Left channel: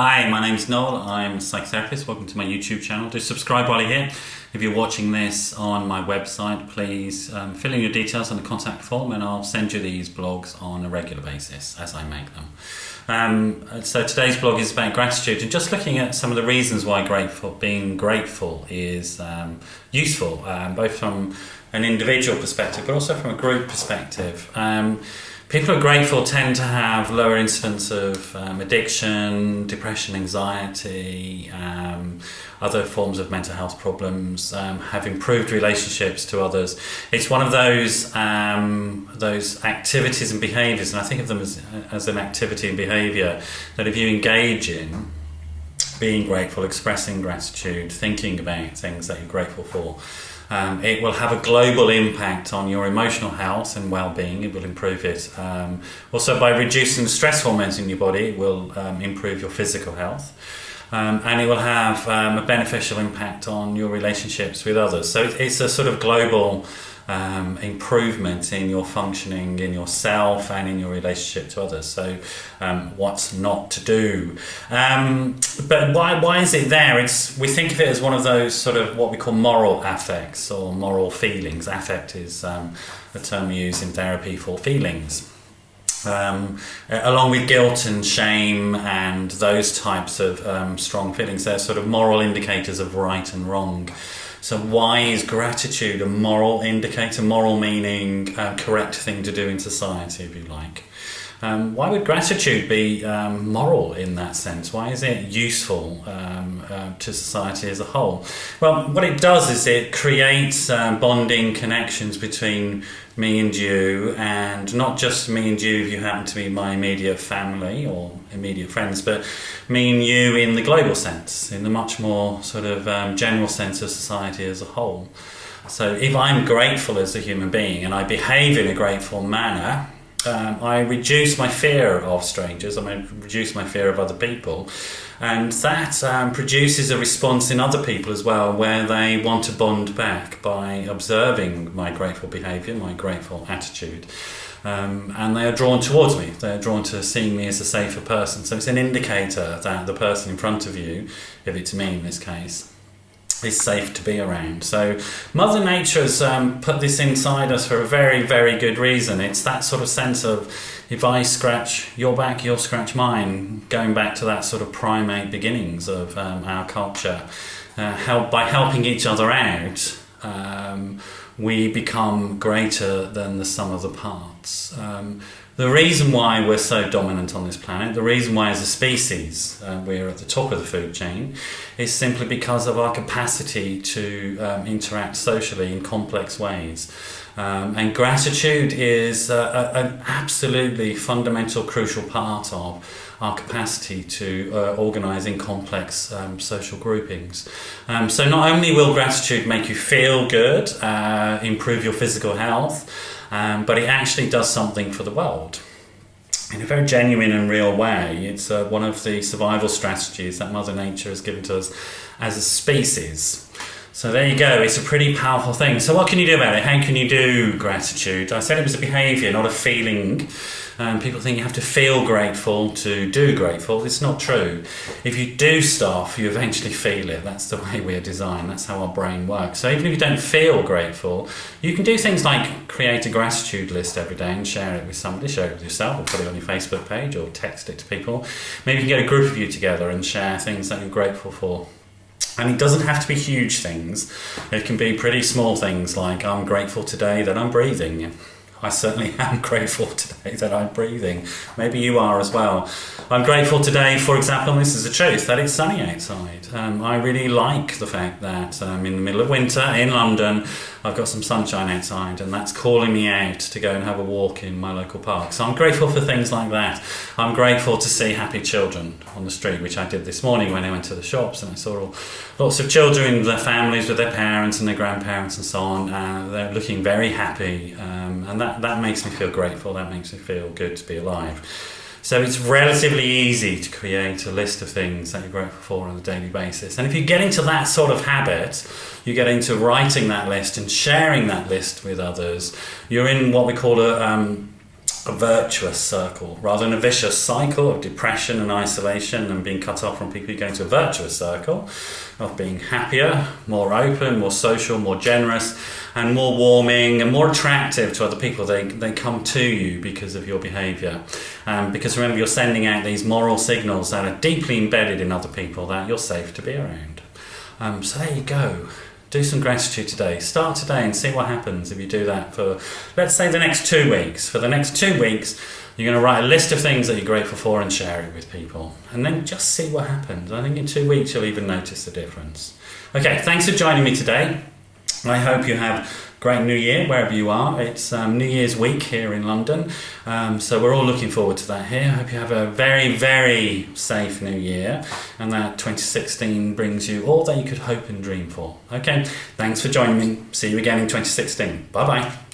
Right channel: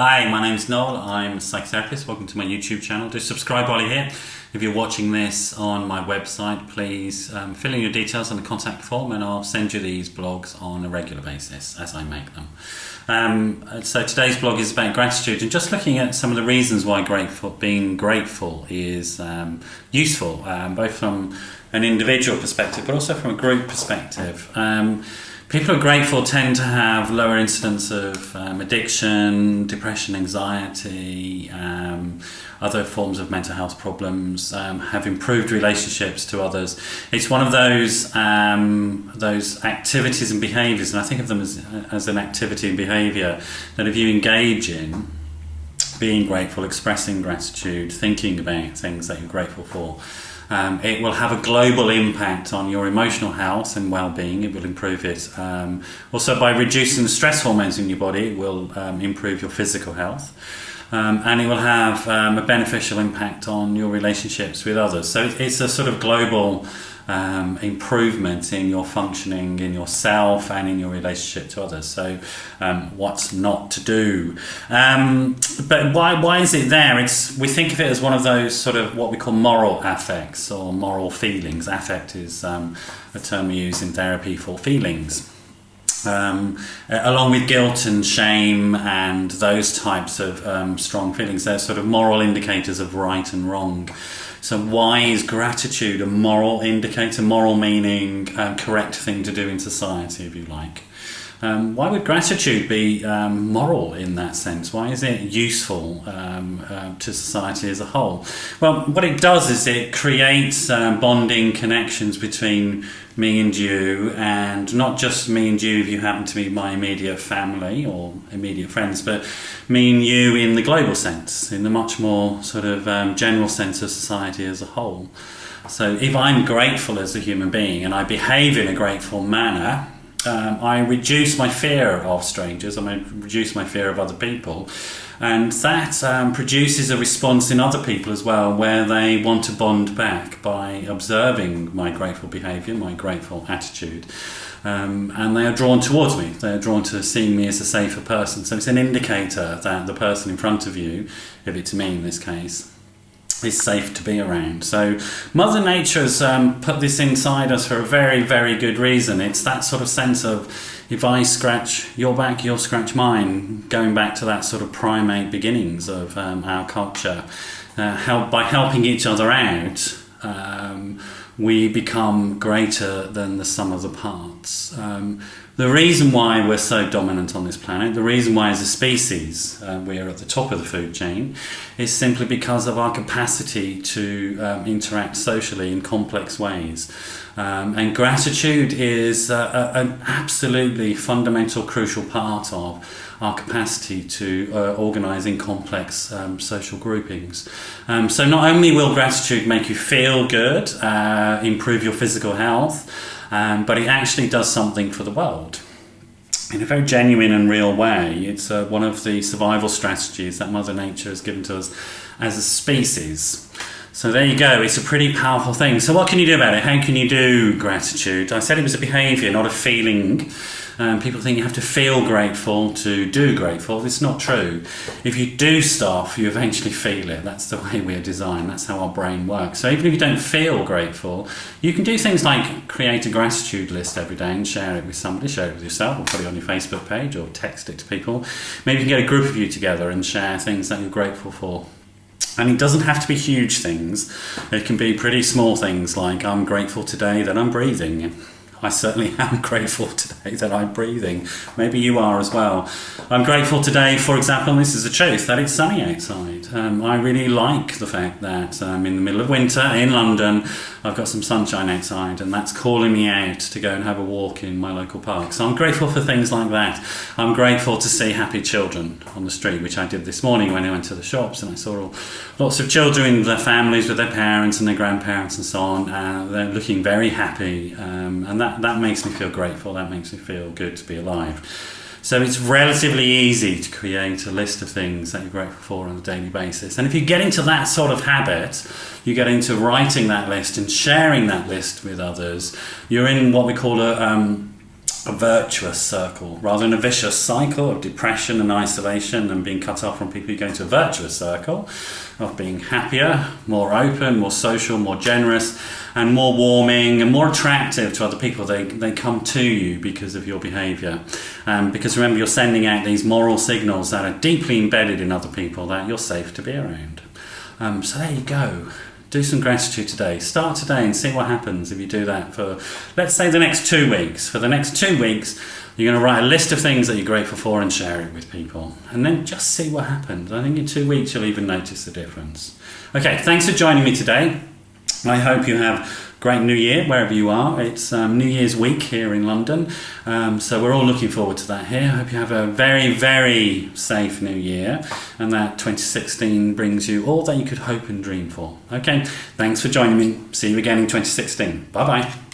Hi, my name's Noel. I'm a psychotherapist. Welcome to my YouTube channel. Do subscribe while you're here. If you're watching this on my website, please fill in your details on the contact form and I'll send you these blogs on a regular basis as I make them. So today's blog is about gratitude and just looking at some of the reasons why being grateful is useful, both from an individual perspective but also from a group perspective. People who are grateful tend to have lower incidence of addiction, depression, anxiety, other forms of mental health problems, have improved relationships to others. It's one of those activities and behaviours, and I think of them as an activity and behaviour that if you engage in, being grateful, expressing gratitude, thinking about things that you're grateful for, it will have a global impact on your emotional health and well-being. It will improve it. Also, by reducing the stress hormones in your body, it will improve your physical health. And it will have a beneficial impact on your relationships with others. So it's a sort of global improvement in your functioning, in yourself and in your relationship to others. So what's not to do? But why is it there? We think of it as one of those sort of what we call moral affects or moral feelings. Affect is a term we use in therapy for feelings. Along with guilt and shame and those types of strong feelings, they're sort of moral indicators of right and wrong. So why is gratitude a moral indicator? Moral meaning correct thing to do in society, if you like. Why would gratitude be moral in that sense? Why is it useful to society as a whole? Well, what it does is it creates bonding connections between me and you, and not just me and you if you happen to be my immediate family or immediate friends, but me and you in the global sense, in the much more sort of general sense of society as a whole. So if I'm grateful as a human being and I behave in a grateful manner, I reduce my fear of strangers, I reduce my fear of other people, and that produces a response in other people as well where they want to bond back by observing my grateful behaviour, my grateful attitude, and they are drawn towards me, they are drawn to seeing me as a safer person. So it's an indicator that the person in front of you, if it's me in this case, is safe to be around. So Mother Nature has put this inside us for a very, very good reason. It's that sort of sense of if I scratch your back, you'll scratch mine, going back to that sort of primate beginnings of our culture. By helping each other out, we become greater than the sum of the parts. The reason why we're so dominant on this planet, the reason why as a species we're at the top of the food chain, is simply because of our capacity to interact socially in complex ways. And gratitude is an absolutely fundamental, crucial part of our capacity to organise in complex social groupings. So not only will gratitude make you feel good, improve your physical health, but it actually does something for the world in a very genuine and real way. It's one of the survival strategies that Mother Nature has given to us as a species. So there you go, it's a pretty powerful thing. So what can you do about it? How can you do gratitude? I said it was a behaviour, not a feeling. People think you have to feel grateful to do grateful. It's not true. If you do stuff, you eventually feel it. That's the way we are designed. That's how our brain works. So even if you don't feel grateful, you can do things like create a gratitude list every day and share it with somebody, share it with yourself, or put it on your Facebook page, or text it to people. Maybe you can get a group of you together and share things that you're grateful for. And it doesn't have to be huge things. It can be pretty small things like, I'm grateful today that I'm breathing. I certainly am grateful today that I'm breathing. Maybe you are as well. I'm grateful today, for example, and this is the truth, that it's sunny outside. I really like the fact that in the middle of winter in London, I've got some sunshine outside, and that's calling me out to go and have a walk in my local park. So I'm grateful for things like that. I'm grateful to see happy children on the street, which I did this morning when I went to the shops, and I saw lots of children with their families, with their parents and their grandparents and so on. They're looking very happy, and that makes me feel grateful. That makes me feel good to be alive. So it's relatively easy to create a list of things that you're grateful for on a daily basis. And if you get into that sort of habit, you get into writing that list and sharing that list with others, you're in what we call a a virtuous circle rather than a vicious cycle of depression and isolation and being cut off from people. You go into a virtuous circle of being happier, more open, more social, more generous, and more warming and more attractive to other people. They come to you because of your behaviour. Because remember, you're sending out these moral signals that are deeply embedded in other people that you're safe to be around. So there you go. Do some gratitude today. Start today and see what happens if you do that for, let's say, the next 2 weeks. For the next 2 weeks, you're going to write a list of things that you're grateful for and share it with people. And then just see what happens. I think in 2 weeks, you'll even notice the difference. Okay, thanks for joining me today. I hope you have a great New Year wherever you are. It's New Year's week here in London. So we're all looking forward to that here. I hope you have a very, very safe New Year and that 2016 brings you all that you could hope and dream for. Okay, thanks for joining me. See you again in 2016. Bye-bye.